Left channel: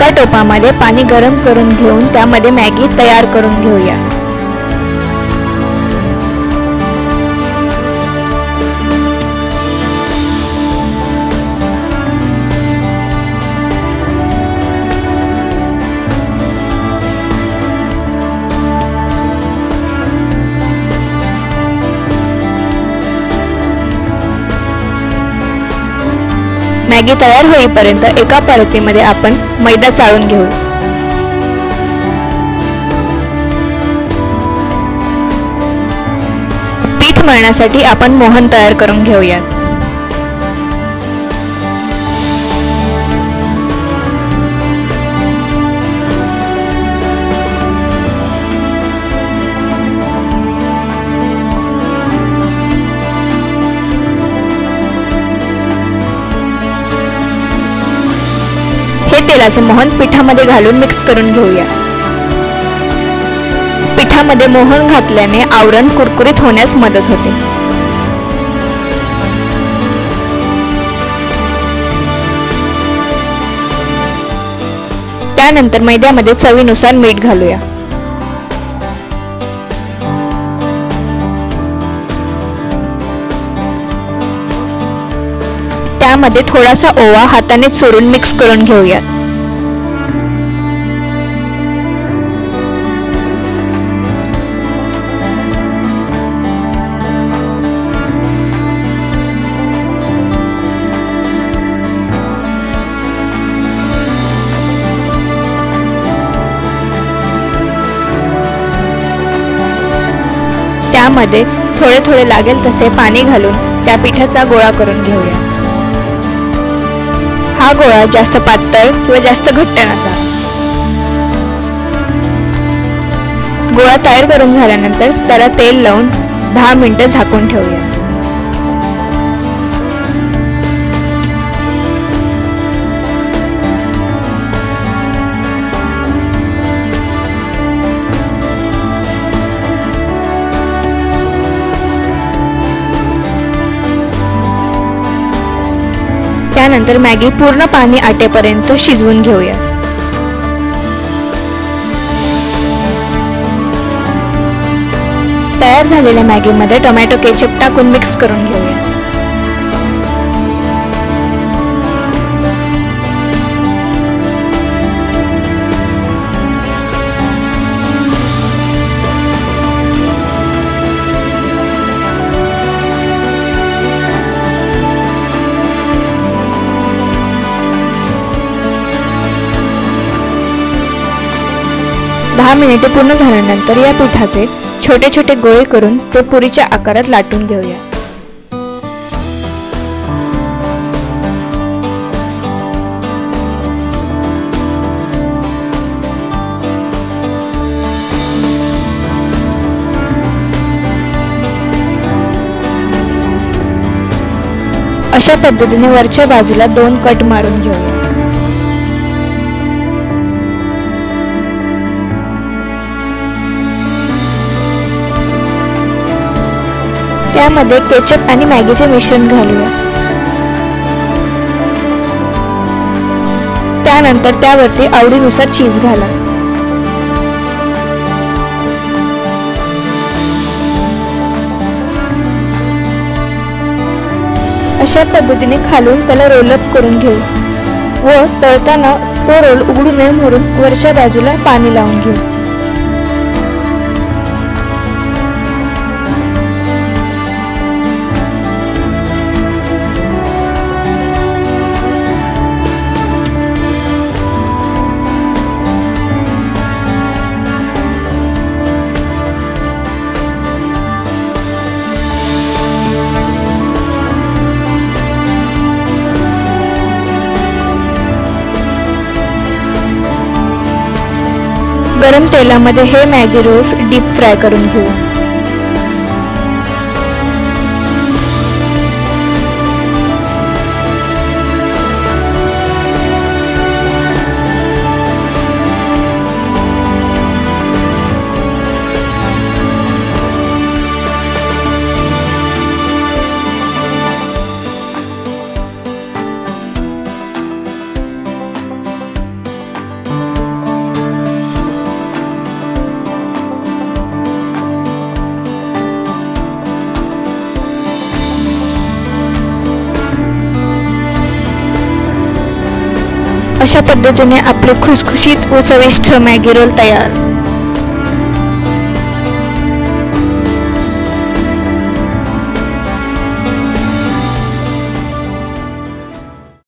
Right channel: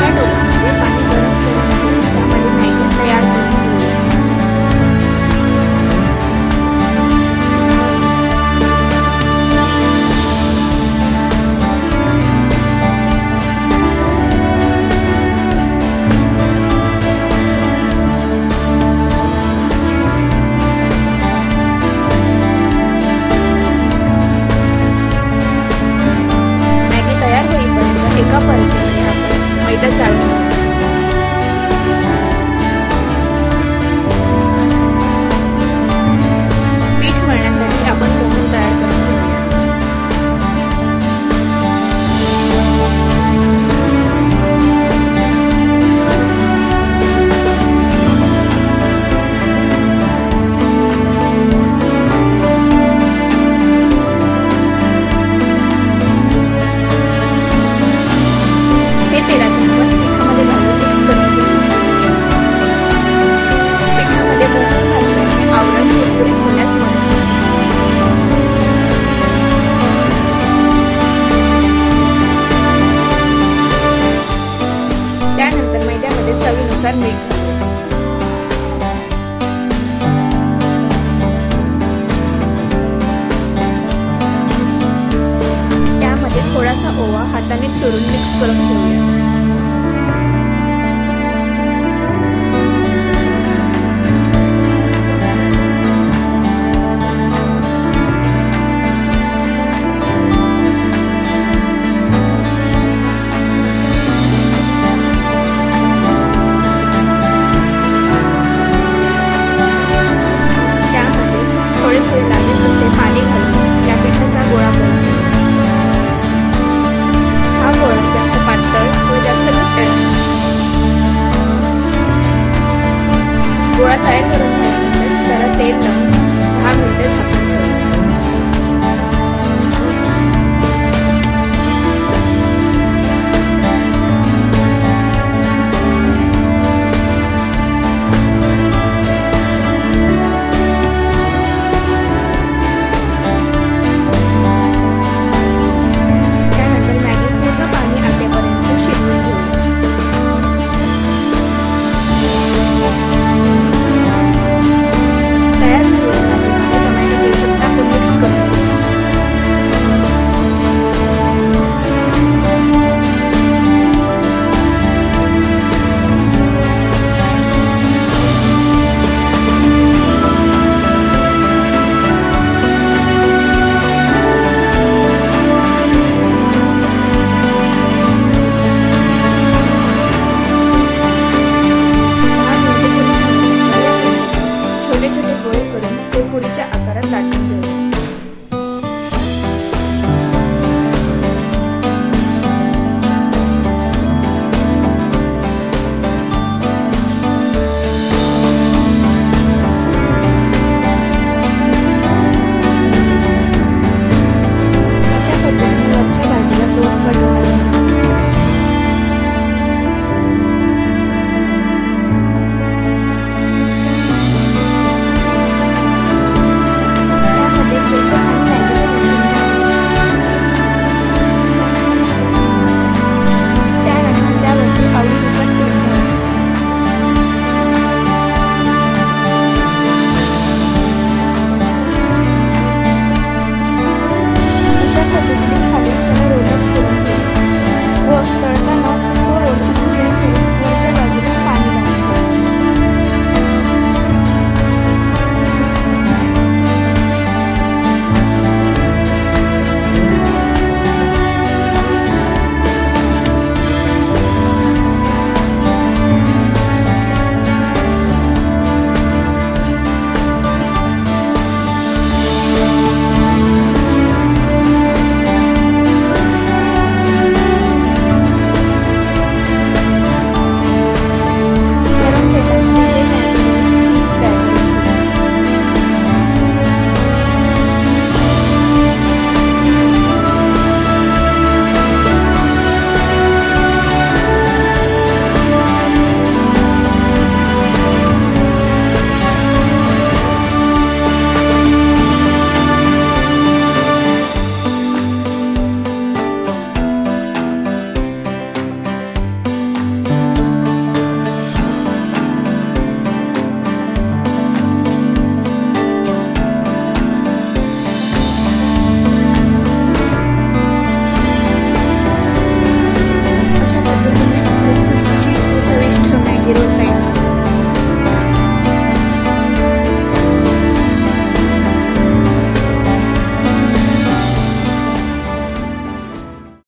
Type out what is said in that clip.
एका टोपामध्ये पाणी गरम करून घेऊन त्यामध्ये मॅगी तयार करून घेऊया। मॅगी तयार होईपर्यंत एका परतीमध्ये आपण मैदा चाळून घेऊ। पीठ मळण्यासाठी आपण मोहन तयार करून घेऊया। तेलाचे मोहन पिठामध्ये घालून मिक्स करून घेऊया। पिठामध्ये मोहन घातल्याने आवरण कुरकुरीत होण्यास मदत होते। त्यानंतर मैद्यामध्ये चवीनुसार मीठ घालूया। त्यामध्ये थोडासा ओवा हाताने चुरून मिक्स करून घेऊया। त्यामध्ये थोडे थोडे लागेल तसे पाणी घालून त्या पिठाचा गोळा करून घेऊया। हा गोळा जास्त पातळ किंवा जास्त घट्ट नसावा। गोळा तयार करून झाल्यानंतर त्याला तेल लावून 10 मिनिटे झाकून ठेवूया। त्यानंतर मॅगी पूर्ण पाणी आटेपर्यंत शिजवून घेऊया। तयार झालेल्या मॅगीमध्ये टोमॅटो केचप टाकून मिक्स करून घेऊया। मिनिटे पूर्ण झाल्यानंतर या पिठाचे छोटे छोटे गोळे करून ते पुरीच्या आकारात लाटून घेऊया। अशा पद्धतीने वरच्या बाजूला 2 कट मारून घेऊया। त्यामध्ये केचप आणि मॅगीचे मिश्रण घालूया। त्यानंतर त्यावरती आवडीनुसार चीज घाला। अशा पद्धतीने खालून त्याला रोलअप करून घेऊ व तळताना तो रोल उघडू नये म्हणून वरच्या बाजूला पाणी लावून घेऊ। गरम तेलामध्ये हे मॅगी रोल्स डीप फ्राय करून घेऊ। अशा पद्धतीने आपले खुसखुशीत व चविष्ट मॅगी रोल तयार।